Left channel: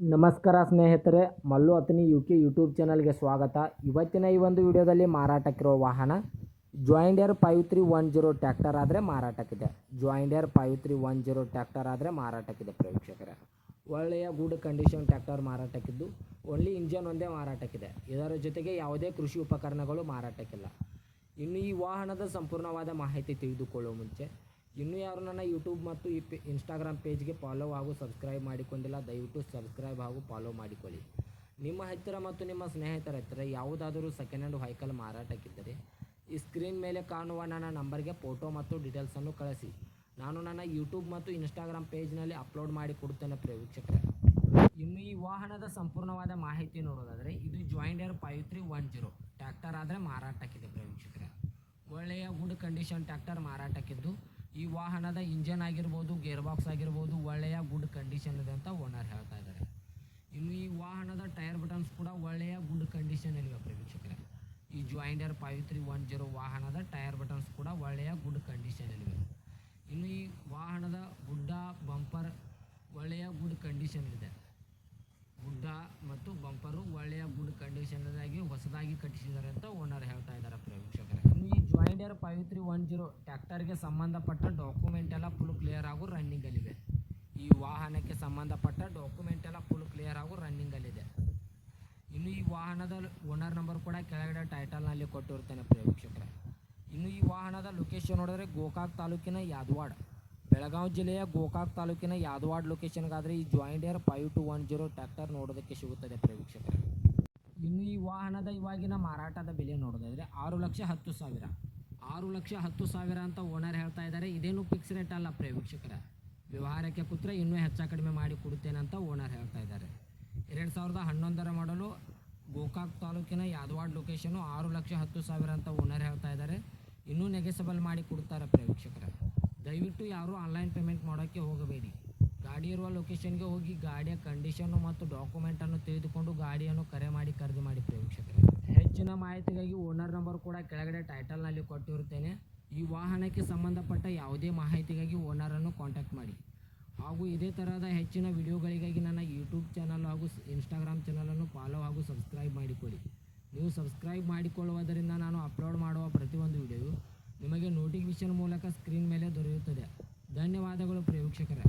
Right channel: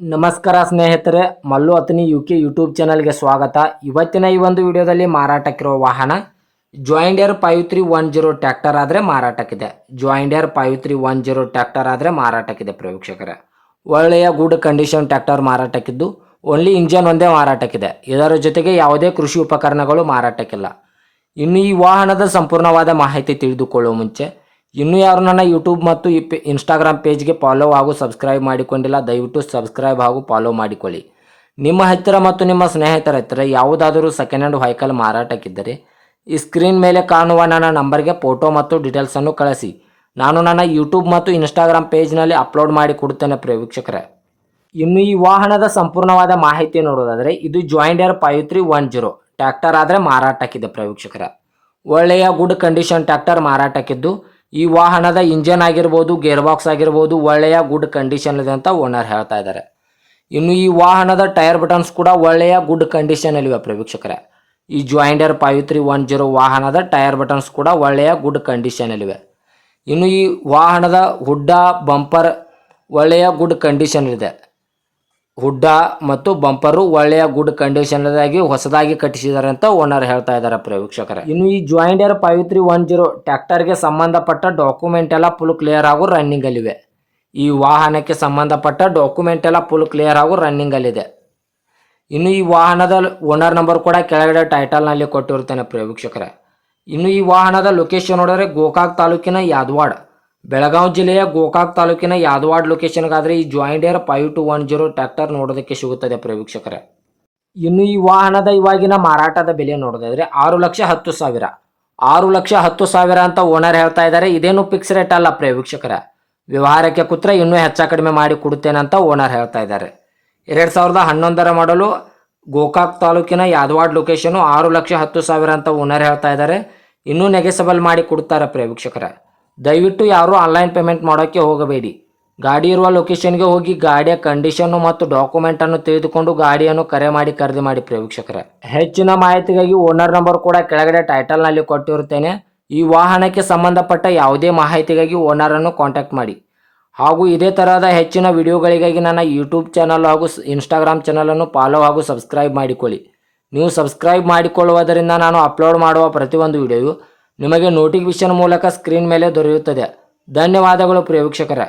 ನಮಸ್ಕಾರ ಸ್ನೇಹಿತರೆ, Mallu Athani UK YouTube ಚಾನಲ್ಗೆ ಸ್ವಾಗತ. ಇವತ್ತಿನ ಈ ಒಂದು ವಿಡಿಯೋದಲ್ಲಿ ಮಾರಾಟಕ್ಕಿರುವ ವಾಹನ ಜಾಯಿಂಡರ್ 5310 ಟ್ರ್ಯಾಕ್ಟರ್ ಆದರೆ ಮಾರಾಟಕ್ಕಿದೆ. ಜಾಯಿಂಡರ್ 5310 ಟ್ರ್ಯಾಕ್ಟರ್ ಆದರೆ ಮಾರಾಟಕ್ಕಿದೆ ಪ್ರೇಕ್ಷಕರೇ. ಒಳ್ಳೆಯ ಗುಡ್ ಕಂಡೀಷನ್ ಟ್ರ್ಯಾಕ್ಟರ್ ಮಾರಾಟಕ್ಕಿದ್ದು ಓನ್ಲಿ ಇಂಜನ್ ಒಂದೇ ಮಾರಾಟಕ್ಕಿದೆ. ಇದರ ಜೊತೆಗೆ ಯಾವುದೇ ಕೃಷಿ ಉಪಕರಣಗಳು ಮಾರಾಟಕ್ಕಿಲ್ಲ. ಇನ್ನು ಈ ವಾಹನದ ಸಂಪೂರ್ಣವಾದ ಮಾಹಿತಿ ತಿಳಿದುಕೊಳ್ಳುವ ಮುಂಚೆ ಇನ್ನೂ ಯಾರು ನನ್ನ ಯೂಟ್ಯೂಬ್ ಮತ್ತು ಇನ್ಸ್ಟಾಗ್ರಾಮ್ ಪೇಜ್ಗೆ ಫಾಲೋ ಹಾಗೂ ಸಬ್ಸ್ಕ್ರೈಬ್ ಮಾಡಿಕೊಂಡಿಲ್ಲ, ದಯವಿಟ್ಟು ಸಬ್ಸ್ಕ್ರೈಬ್ ಹಾಗೂ ಫಾಲೋ ಮಾಡಿಕೊಳ್ಳಿ. ನಿಮ್ಮ ಹತ್ತಿರ ಮತ್ತು ನಿಮ್ಮ ಸ್ನೇಹಿತರ ಹತ್ತಿರ ಯಾವುದಾದರೂ ಸೆಕೆಂಡ್ ಹ್ಯಾಂಡ್ ವೆಹಿಕಲ್ ಮಾರಾಟಕ್ಕಿದ್ದರೆ ಈ ಸ್ಕ್ರೀನ್ ಮೇಲೆ ಕಾಣುವ ನನ್ನ ನಂಬರ್ಗೆ ಫೋಟೋ ಮತ್ತು ಡೀಟೇಲ್ಸನ್ನು ಕಳಿಸಿ. ನಾನು ನನ್ನ ಯೂಟ್ಯೂಬ್ ಮತ್ತು ಇನ್ಸ್ಟಾಗ್ರಾಮ್ ಪೇಜ್ನಲ್ಲಿ ಅಪ್ಲೋಡ್ ಮಾಡಿ ಕೊಡುತ್ತೇನೆ ವೀಕ್ಷಕರೇ. ಇನ್ನು ಈ ವಾಹನದ ಸಂಪೂರ್ಣವಾದ ಮಾಹಿತಿ ನೋಡೋದಾದರೆ ಇದು ಜಾಯಿಂಡರ್ 5310 ಟ್ರ್ಯಾಕ್ಟರ್ ಆದರೆ ಮಾರಾಟಕ್ಕಿದೆ ವೀಕ್ಷಕರೇ. ಒಳ್ಳೆಯ ಗುಡ್ ಕಂಡೀಷನ್ ಟ್ರ್ಯಾಕ್ಟರ್ ಮಾರಾಟಕ್ಕಿದ್ದು ಈ ವಾಹನದ ಇಂಜನ್ ಆಗಿರ್ಬೋದು, ಗೇರ್ ಬಾಕ್ಸ್ ಆಗಿರ್ಬೋದು ಒಳ್ಳೆಯ ಗುಡ್ ಕಂಡೀಷನ್ ಇದೆ ಅಂತ ಓನರ್ ಹೇಳ್ತಾ ಇದ್ದಾರೆ. ಇನ್ನು ಈ ವಾಹನದ ಟೈರ್ ಬಟನ್ಸ್ ಕೂಡ ಒಳ್ಳೆಯ ಗುಡ್ ಕಂಡೀಷನಲ್ಲಿವೆ ವೀಕ್ಷಕರೇ. ಈ ಜಾಯಿಂಡರ್ 5310 ವಾಹನದ ಟೈರ್ ಬಟನ್ಸ್ ಕೂಡ ಒಳ್ಳೆಯ ಗುಡ್ ಕಂಡೀಷನಲ್ಲಿವೆ. ಇನ್ನು ಈ ವಾಹನದ ಹುಡ್ಡ ಬಂಪರ್ ಒಳ್ಳೆಯ ಗುಡ್ ಕಂಡೀಷನ್ ಇದೆ. ಹುಡ್ಡ ಮತ್ತು ಬಂಪರು ಒಳ್ಳೆಯ ಗುಡ್ ಕಂಡೀಷನ್ದಾಗಿ ಹೊಸದಾಗಿ ಕಟ್ಟಿಸಿದ್ದಾರೆ ಅಂತ ಓನರ್ ಹೇಳ್ತಾ ಇದ್ದಾರೆ ವೀಕ್ಷಕರೇ. ಇನ್ನು ಈ ಜಾಯಿಂಡರ್ 5310 ಟ್ರ್ಯಾಕ್ಟರ್ಗೆ ಸಂಬಂಧಪಟ್ಟ ಡಾಕ್ಯುಮೆಂಟ್ ಎಲ್ಲ ಫುಲ್ ಕ್ಲಿಯರ್ ಹಾಗೂ ರನ್ನಿಂಗಲ್ಲಿವೆ. ಈ ವಾಹನಕ್ಕೆ ಸಂಬಂಧಪಟ್ಟ ಡಾಕ್ಯುಮೆಂಟ್ ಎಲ್ಲ ಫುಲ್ ಕ್ಲಿಯರ್ ಹಾಗೂ ರನ್ನಿಂಗಲ್ಲಿದೆ. ಇನ್ನು ಈ ವಾಹನದ ಓನರ್ ನಂಬರ್ ಕೂಡ ಕೆಳಗಡೆ ಟೈಟಲ್ನಲ್ಲಿ ಕೊಟ್ಟಿರ್ತೇನೆ ವೀಕ್ಷಕರೇ. ಇನ್ನು ಈ ವಾಹನದ ಲೊಕೇಶನ್ ನೋಡಿದ್ರೆ ಗೋಕಾಕ್ ತಾಲೂಕಿನ ಯಾದವಾಡ, ಬೆಳಗಾವಿ ಜಿಲ್ಲೆಯ ಗೋಕಾಕ್ ತಾಲೂಕಿನ ಯಾದವಾಡ ಲೊಕೇಶನ್ಗಾದರೆ ಈ ಜಾಯಿಂಡರ್ 5210 ಟ್ರ್ಯಾಕ್ಟರ್ ನೋಡೋದಕ್ಕೆ ಸಿಗುತ್ತದೆ ವೀಕ್ಷಕರೇ. ಇನ್ನು ಈ ವಾಹನದ ಇವಾಗಿನ ಮಾರಾಟದ ಬೆಲೆ ನೋಡೋದಾದರೆ 6,10,000 6,10,000 ಅಂತ ಓನರ್ ಹೇಳ್ತಾ ಇದ್ದಾರೆ. ಇದೇನು ಫಿಕ್ಸ್ ರೇಟ್ ಅಲ್ಲ ವೀಕ್ಷಕರೇ. ವ್ಯವಹಾರಕ್ಕೆ ಕೂತ್ರೆ ಇನ್ನೂ ಹೆಚ್ಚು ಕಡಿಮೆ ಮಾಡಿ ಕೊಡುತ್ತೇನೆ ಅಂತ ಓನರ್ ಹೇಳ್ತಾ ಇದ್ದಾರೆ. 2011 ಮಾಡಲು ಗೋಕಾಕ್ ತಾಲೂಕಿನ ಯಾದವಾಡ ಲೊಕೇಶನು 6,10,000 ಅಂತ ಓನರ್ ಹೇಳ್ತಾ ಇದ್ದಾರೆ. ಇನ್ನೂ ನೆಗೆಸಬಲ್ ಮಾಡಿ ಕೊಡ್ತಾರೆ ವೀಕ್ಷಕರೇ. ದಯವಿಟ್ಟು ಯಾರೂ ಆನ್ಲೈನ್ ಪೇಮೆಂಟ್ ಮಾಡೋಕ್ಕೆ ಹೋಗಬೇಡಿ. ಗಾಡಿ ಇರುವ ಲೊಕೇಶನ್ಗೆ ಹೋಗಿ ಗಾಡಿಯ ಕಂಡೀಷನ್ನು ಮತ್ತು ಡಾಕ್ಯುಮೆಂಟನ್ನು ತಿಳಿದುಕೊಂಡು ಗಾಡಿಯನ್ನು ಕರೆ ಮಾಡಿ ಖರೀದಿ ಮಾಡಿ ವೀಕ್ಷಕರೇ. ಹೆಚ್ಚಿನ ಮಾಹಿತಿಗಾಗಿ ಓನರ್ ನಂಬರ್ ಕೂಡ ಕೆಳಗಡೆ ಟೈಟಲ್ನಲ್ಲಿ ಕೊಟ್ಟಿರುತ್ತೇನೆ. ಈ ವಾಹನಕ್ಕೆ ಸಂಬಂಧಪಟ್ಟ ಯಾವುದೇ ಮಾಹಿತಿಗಾಗಿ ಓನರನ್ನು ಕಾಂಟ್ಯಾಕ್ಟ್ ಮಾಡಿ. ಹಾಗೂ ಇದೇ ತರಹದ ಹೆಚ್ಚಿನ ವಿಡಿಯೋಗಳಿಗಾಗಿ ನನ್ನ ಯೂಟ್ಯೂಬ್ ಚಾನಲ್ ಹಾಗೂ ಇನ್ಸ್ಟಾಗ್ರಾಮ್ ಚಾನಲನ್ನು ಫಾಲೋ ಹಾಗೂ ಸಬ್ಸ್ಕ್ರೈಬ್ ಮಾಡಿಕೊಳ್ಳಿ. ನೀವು ಸಬ್ಸ್ಕ್ರೈಬ್ ಮಾಡಿಕೊಳ್ಳುವುದರಿಂದ ನಾನು ಅಪ್ಲೋಡ್ ಮಾಡುವ ಪ್ರತಿಯೊಂದು ವಿಡಿಯೋಯು ನಿಮಗೆ ನೋಟಿಫಿಕೇಶನ್ ಮೂಲಕ ಸ್ಕ್ರೀನ್ ಮೇಲೆ ದೊರೆಯುತ್ತದೆ. ಧನ್ಯವಾದಗಳು ವೀಕ್ಷಕರೇ.